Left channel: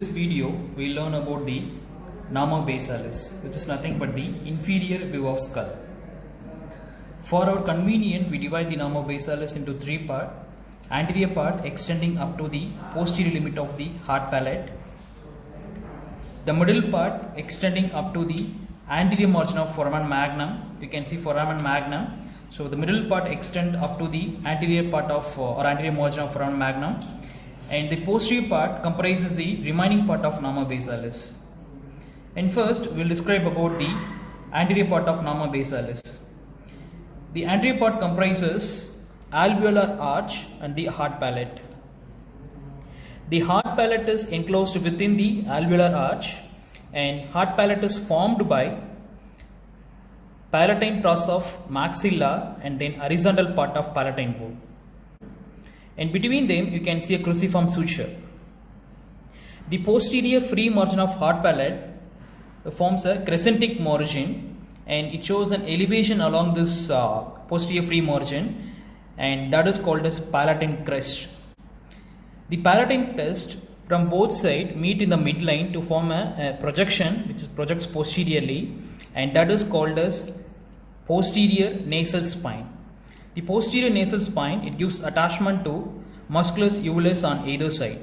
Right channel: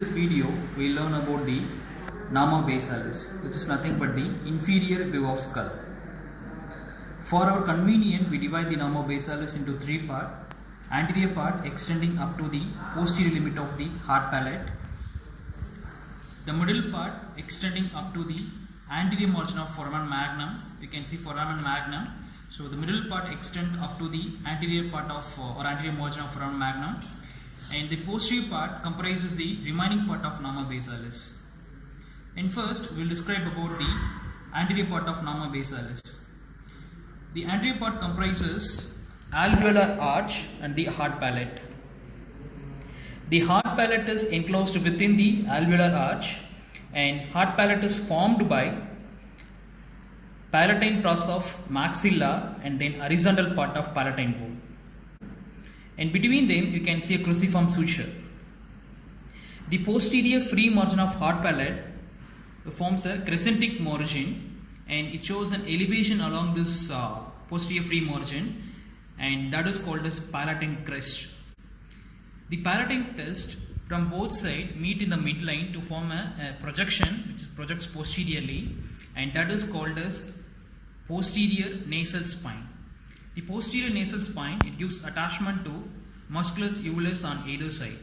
This video we learn about the Nama basalis, which is nothing but the inferior view of skull. For our convenience, we divide the Nama basalis into three parts: anterior part extending up to the posterior limit of the heart palate, the middle part extending up to the anterior margin of foramen magnum. You can see foramen magnum. So the middle part extend up to the anterior part of or anterior margin of foramen magnum, and the posterior part comprises the remaining part of Nama basalis. And first we will describe about the anterior part of Nama basalis. The anterior part comprises alveolar arch and the heart palate. The heart palate is enclosed within the alveolar arch, and heart palate is formed by palatine process of maxilla and then horizontal part of palatine bone. And between them you can see a cruciform suture. The posterior free margin of heart palate forms a crescentic margin, and it shows an elevation along this posterior free margin, and that is called as palatine crest. The palatine crest from both sides meet in the midline to form a projection which projects posteriorly, and that is called as posterior nasal spine. The posterior nasal spine, it gives attachment to musculus uvulus on either side.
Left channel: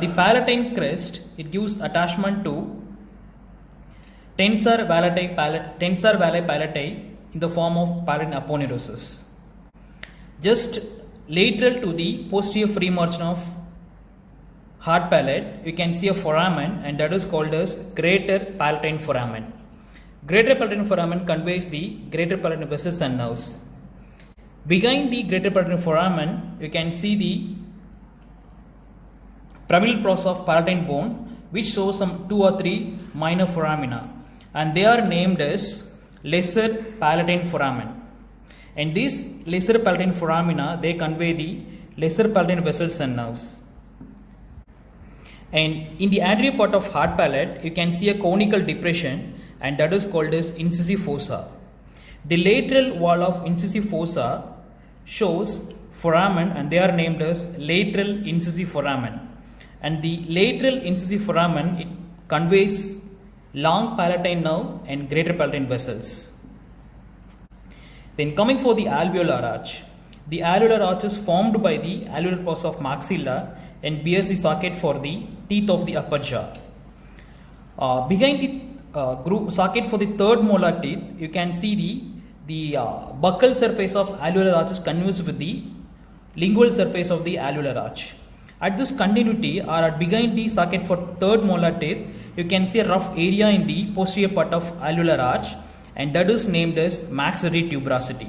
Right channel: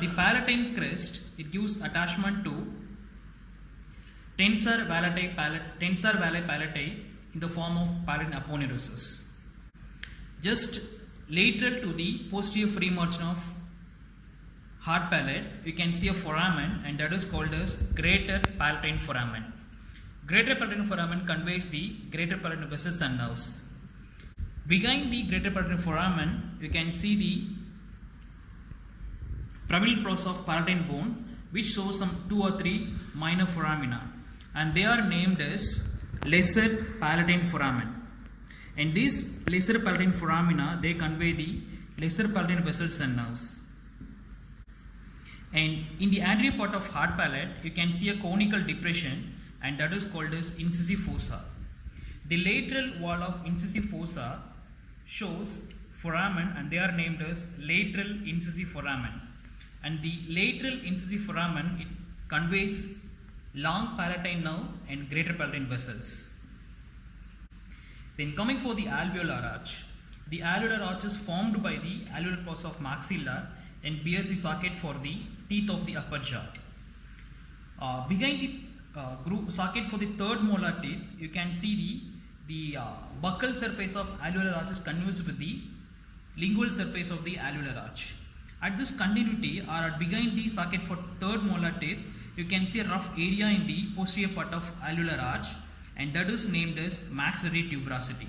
The palatine crest, it gives attachment to tensor valeae palatae in the form of palatine aponeurosis. Just lateral to the posterior free margin of heart palate, you can see a foramen, and that is called as greater palatine foramen. Greater palatine foramen conveys the greater palatine vessels and nerves. Behind the greater palatine foramen, you can see the pyramidal process of palatine bone, which shows some 2 or 3 minor foramina, and they are named as lesser palatine foramen. And these lesser palatine foramina, they convey the lesser palatine vessels and nerves. And in the anterior part of heart palate, you can see a conical depression, and that is called as incisive fossa. The lateral wall of incisive fossa shows foramen, and they are named as lateral incisive foramen. And the lateral incisive foramen, it conveys long palatine nerve and greater palatine vessels. Then coming for the alveolar arch. The alveolar arch is formed by the alveolar process of maxilla and bears the socket for the teeth of the upper jaw. Behind the socket for the third molar teeth, you can see the buccal surface of alveolar arch is conveys with the lingual surface of the alveolar arch. At this continuity, or at behind the socket for third molar teeth, you can see a rough area in the posterior part of alveolar arch, and that is named as maxillary tuberosity.